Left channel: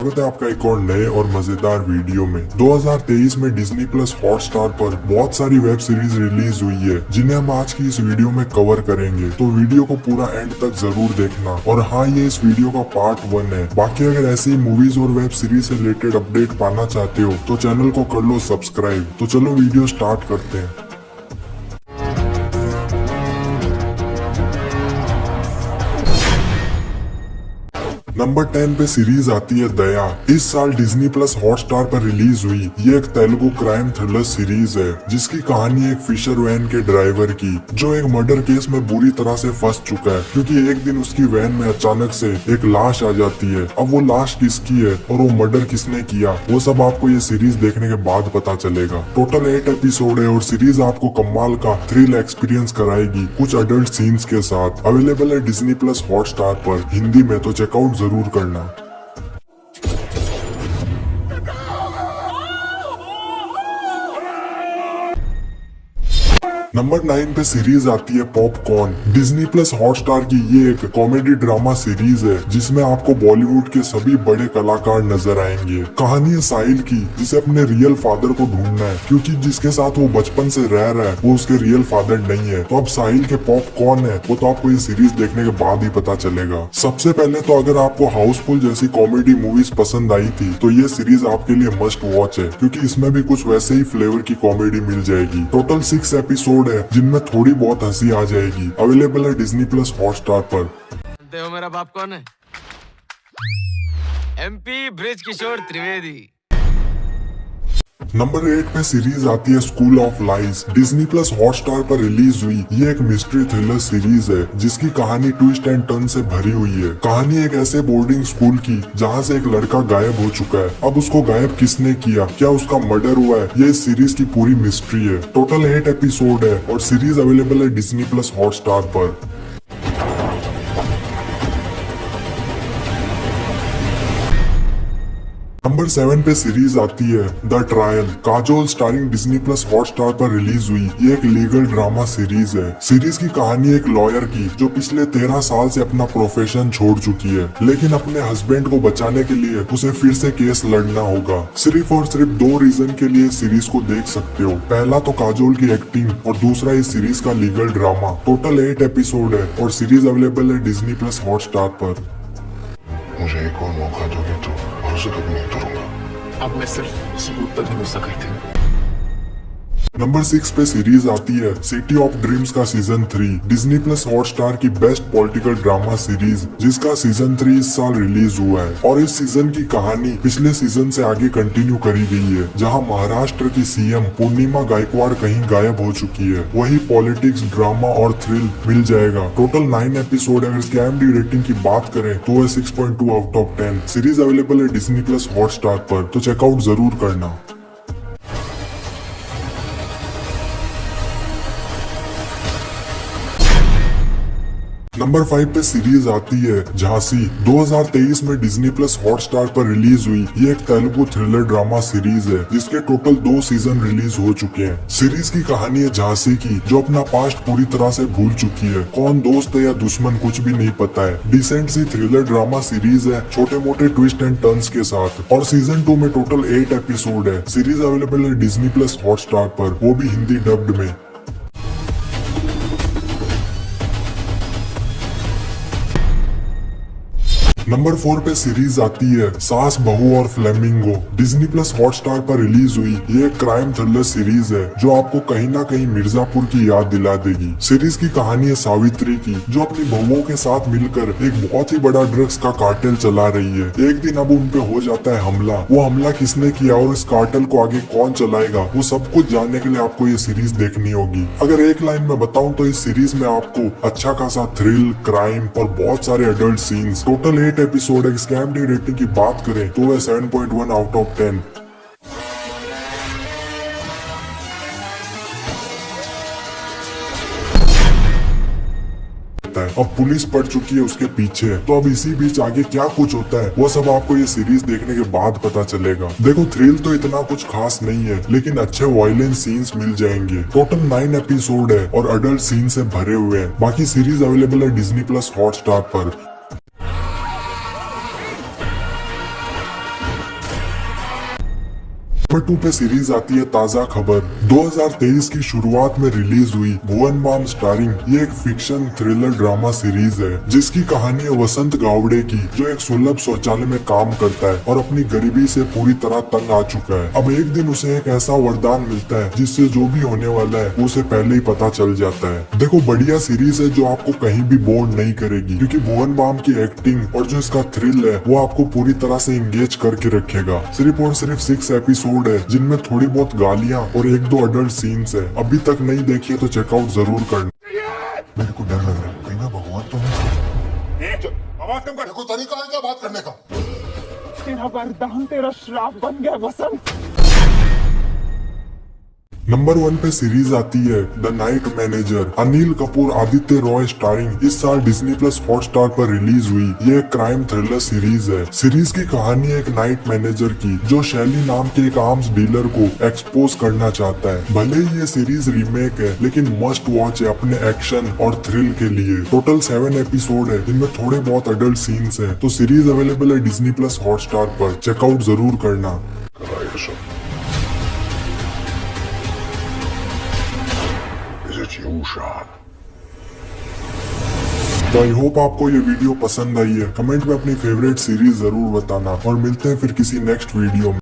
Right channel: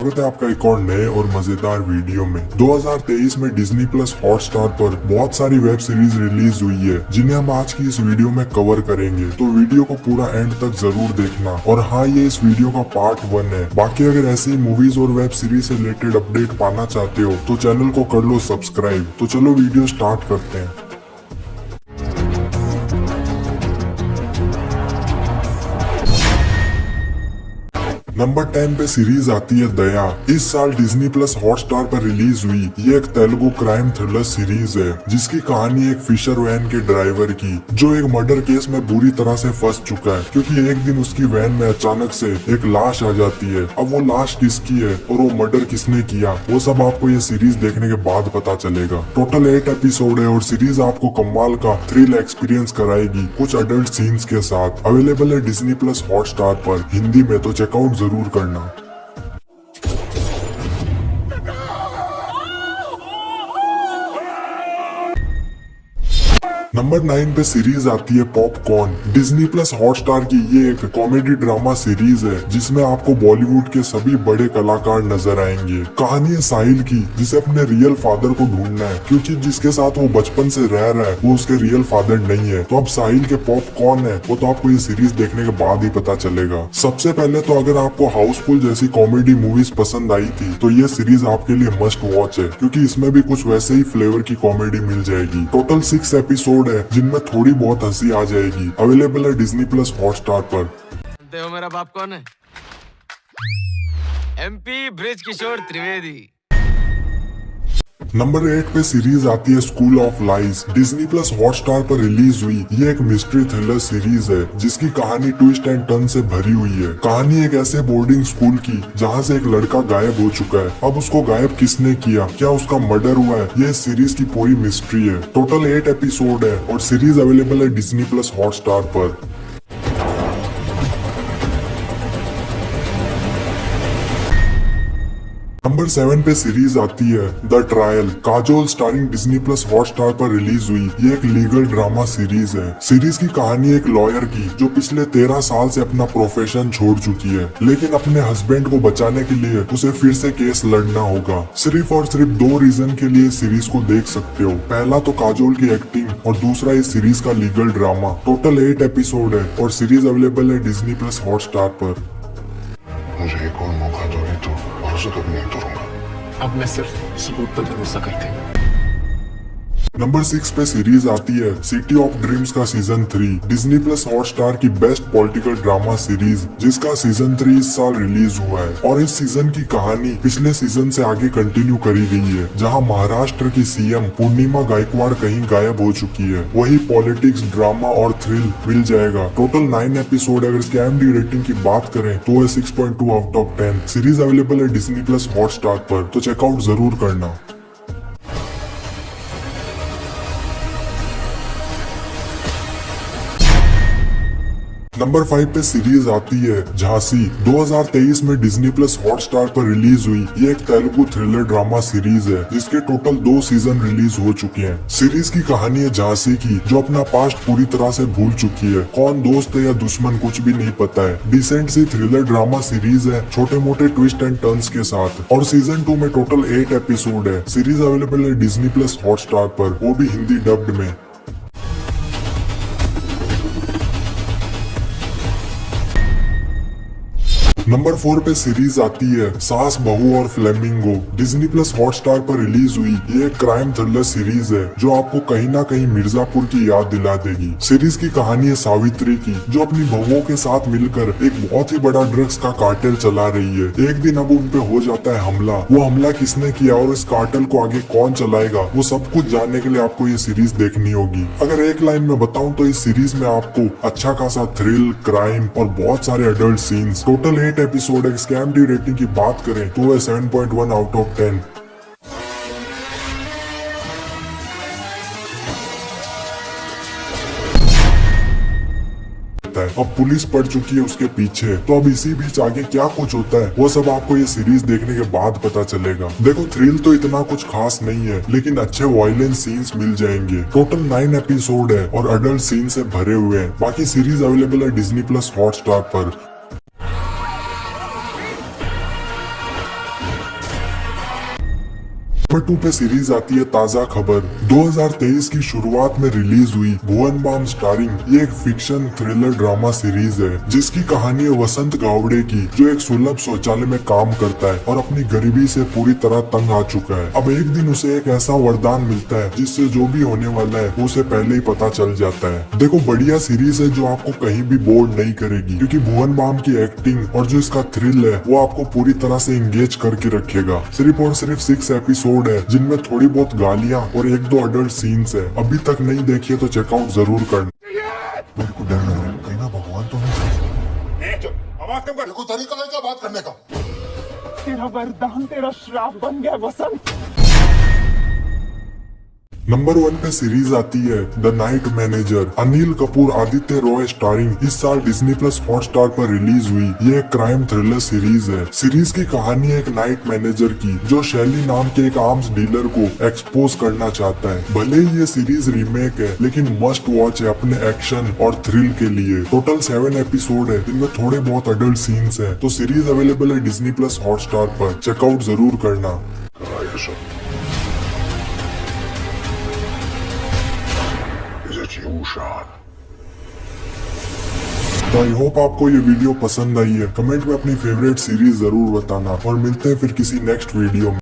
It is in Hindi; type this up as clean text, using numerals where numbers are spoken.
स्वागत है आपका एक और नए और मजेदार वीडियो में। 2023 में डिज्नी प्लस हॉटस्टार पर बहुत सारी वेब सीरीज रिलीज हुई है जिन्हें हम आज की इस वीडियो में कवर करेंगे, तो वीडियो को पूरा एंड तक जरूर देखना। और हाँ, ये इस वीडियो का पार्ट 1 है। बाकी अगर ऐसी मूवीज और वेब सीरीज से रिलेटेड अपडेट पाना चाहते हो तो चैनल को कर लो सब्सक्राइब। तो चलो वीडियो स्टार्ट करते हैं। नंबर 10 पे सीरीज आती है दया। इस साल डिज्नी प्लस हॉटस्टार पर रिलीज हुई ये एक तेलुगु क्राइम थ्रिलर सीरीज है जिसकी कहानी एक फिशर वैन के ड्राइवर की जो एक मर्डर केस में बुरी तरह से फंस चुका है क्योंकि एक दिन उसकी वैन में अचानक से एक लाश आ जाती है। अब वो लाश किसकी है और वो मर्डर किसने किया वो सब आपको ये सीरीज देखने के बाद पता चलेगा। टोटल 8 एपिसोड है और सीरीज आपको कमाल का थ्रिल एक्सपीरियंस कराएगी कुछ अडल्ट सीन्स के साथ। अवेलेबल है डिज्नी प्लस हॉटस्टार पर हिंदी में, तो चेकआउट जरूर करना। नंबर 9 पे सीरीज आती है पॉपकॉर्न। डिज्नी प्लस हॉटस्टार की ये एक कॉमेडी ड्रामा सीरीज है जिसमें आपको बॉलीवुड के सभी बड़े कलाकार नजर आएंगे। कहानी है साहिल की जिसे अपने रियल फादर को ढूंढना है क्योंकि जिसके साथ वो बचपन से रह रहा है वो उसके रियल फादर नहीं है। तो अब साहिल के पॉपकॉर्न है वो तो आपको ये सीरीज देखने के बाद ही पता चलेगा। सबसे पहले तो अगर आपको हाउसफुल जैसी कॉमेडी मूवीज पसंद आई थी तो ये सीरीज आपके लिए मस्ट वॉच है क्योंकि इसमें भी कुछ वैसे ही फ्लेवर की कॉमेडी मिल जाएगी। टोटल 6 एपिसोड है जिनमें थोड़ी बहुत हंसी आ जाएगी। अवेलेबल है डिज्नी प्लस हॉटस्टार पर। जानते हो मेरा बाप कौन है? एमपी ब्रिज किशोर त्रिवेदी। नंबर 8 पे सीरीज आती है school of lies. Disney plus Hotstar पर रिलीज हुई ये एक मिस्ट्री थ्रिलर सीरीज है जिसकी कहानी ट्विस्ट एंड टर्न से भरी हुई है। कहानी एक ऐसे बोर्डिंग स्कूल की जहां से एक लड़का गायब हो चुका है। अब उसको गायब किसने किया, क्या उसका मर्डर हुआ है, ये इस सीरीज की पूरी मिस्ट्री है। टोटल 8 एपिसोड है और सीरीज अवेलेबल है डिज्नी प्लस हॉटस्टार पर। नंबर 7 पे सीरीज आती है the trial. Kajol starring Disney plus Hotstar पर रिलीज हुई ये एक लीगल ड्रामा सीरीज है। सीरीज की कहानी एक लॉयर की जो पिछले 13 साल से अपना प्रोफेशन छोड़ चुकी है लेकिन अपने हस्बैंड को बचाने के लिए उसे फिर से केस लड़ना होगा। सिर्फ और सिर्फ 2 रीजन के लिए सीरीज को देख सकते हो। पहला तो काजोल की एक्टिंग और दूसरा इस सीरीज का लीगल ड्रामा। टोटल 8 एपिसोड है और सीरीज अवेलेबल है डिज्नी प्लस हॉटस्टार पर। मुझे एक और मौका दोगे तो भरोसा तो नहीं तोड़ूंगा। अब मैं सिर्फ सबूत तक भरोसा करती हूँ। नंबर 6 पे सीरीज आती है सिटी ऑफ ड्रीम्स का सीजन 3। डिज्नी प्लस हॉटस्टार की बेस्ट पॉलिटिकल ड्रामा सीरीज जिसका सीजन 3 इस साल रिलीज हुआ है और इस सीजन की कहानी पिछले सीजन से आगे कंटिन्यू करी गई है जहां महाराष्ट्र की सीएम पूर्णिमा गायकवाड़ कहीं गायब हो चुकी है। वही पॉलिटिक्स, ड्रामा और थ्रिल मिल जाएगा। Total 9 episode. अगर इसके IMDb रेटिंग की बात करें तो है 6.2 आउट ऑफ 10। सीरीज अवेलेबल है डिज्नी प्लस हॉटस्टार पर, तो चेकआउट जरूर करना। नंबर 5 पे सीरीज आती है झांसी। 2023 में डिज्नी प्लस हॉटस्टार पर रिलीज हुई ये एक तेलुगु थ्रिलर ड्रामा सीरीज है जिसके टोटल 2 सीजन रिलीज हो चुके हैं। सीरीज की कहानी है झांसी की जो अपना पास्ट पूरी तरह से भूल चुकी है। कौन दोस्त है या दुश्मन कुछ भी नहीं पता है। डिसेंट सी थ्रिलर ड्रामा सीरीज है छोटे मोटे ट्विस्ट एंड टर्न्स के साथ और सीजन 2 में टोटल 8 एपिसोड है। सीरीज अवेलेबल है डिज्नी प्लस हॉटस्टार पर, वो भी हिंदी डब्ड में। नंबर 4 पे सीरीज आती है सास बहू और फ्लेमिंगो। डिज्नी प्लस हॉटस्टार पर रिलीज हुई ये क्राइम थ्रिलर सीरीज है जो आपको कहीं ना कहीं मिर्जापुर की याद दिला देगी। सीरीज की कहानी है सावित्री की जो अपनी बहुओं के साथ मिलकर एक बहुत ही बड़ा ड्रग्स का कार्टेल चला रही है। एक दिन अब उन पे हो जाता है हमला। वो हमला किसने किया और इस कार्टेल को आगे कौन चलाएगा वो सब कुछ जानने के लिए आपको ये सीरीज देखनी होगी। अगर एक लाइन में बताऊं तो इस सीरीज में आपको अच्छा खासा थ्रिल, क्राइम और बहुत सारे एडल्ट सीन्स। टोटल 8 एपिसोड है। इसके IMDb रेटिंग की बात करें तो है 7.1 आउट ऑफ 10। अब पुलिस पड़ चुकी है उसके पीछे, तो अब इसी बीच आगे क्या कुछ होता है वो सब आपको ये सीरीज देखने के बाद पता चलेगा। देखो थ्रिल तो इतना कुछ खास नहीं है लेकिन अच्छे वायलेंट सीन्स मिल जाएंगे। टोटल 9 एपिसोड है और अडल्ट सीन से भरे हुए हैं। बाकी सीरीज अवेलेबल है डिज्नी प्लस हॉटस्टार पर। नंबर 2 पे सीरीज आती है ताजा खबर। 2023 की शुरुआत में रिलीज हुई भुवन बाम स्टारिंग ये एक फिक्शन थ्रिलर ड्रामा सीरीज है जिसकी कहानी है वसंत गावड़े की, जो एक सुलभ शौचालय में काम करता है और अपनी गरीबी से पूरी तरह तंग आ चुका है। अब एक दिन उसे एक ऐसा वरदान मिलता है जिससे जो भी होने वाला है उसे पहले ही पता चल जाता है। देखो बढ़िया सीरीज है जो आपको कहीं भी बोर्ड नहीं करेगी, क्योंकि भुवन बाम की एक्टिंग और जो इसका थ्रिल है वो आपको पूरी तरह से इंगेज करके रखेगा। सिर्फ और सिर्फ 6 एपिसोड है जिनमें थोड़ी बहुत गालियां और 1-2 अडल्ट सीन्स है। अभी तक नहीं देखिए तो चेकआउट जरूर करना। मेरे को डर लग रहा है, कहीं ना भगवान तो नहीं। आवाज कम कर। देखो तरीका है क्या बात करने का? तेरा वरदान तेरा श्राप बन गया वसंत। नंबर 1 पे सीरीज आती है the night manager. Anil Kapoor Aditya Roy starring इस साल डिज्नी प्लस हॉटस्टार पर रिलीज हुई ये एक क्राइम थ्रिलर सीरीज है। सीरीज की कहानी है एक नाइट मैनेजर की जो शैली नाम के एक आर्म्स डीलर को एक्सपोज करना चाहता है। भले ही ये सीरीज रीमेक है लेकिन मस्ट वॉच है अपने एक्शन और थ्रिल के लिए। टोटल 7 एपिसोड है जिनमें थोड़े बहुत अडल्ट सीन्स है। तो सीरीज अवेलेबल है डिज्नी प्लस हॉटस्टार पर, चेकआउट जरूर करना। तो आई होप आपको ये वीडियो पसंद आई है। कमेंट में अपनी फेवरेट सीरीज जरूर बताना और मिलते हैं फिर किसी नेक्स्ट वीडियो में।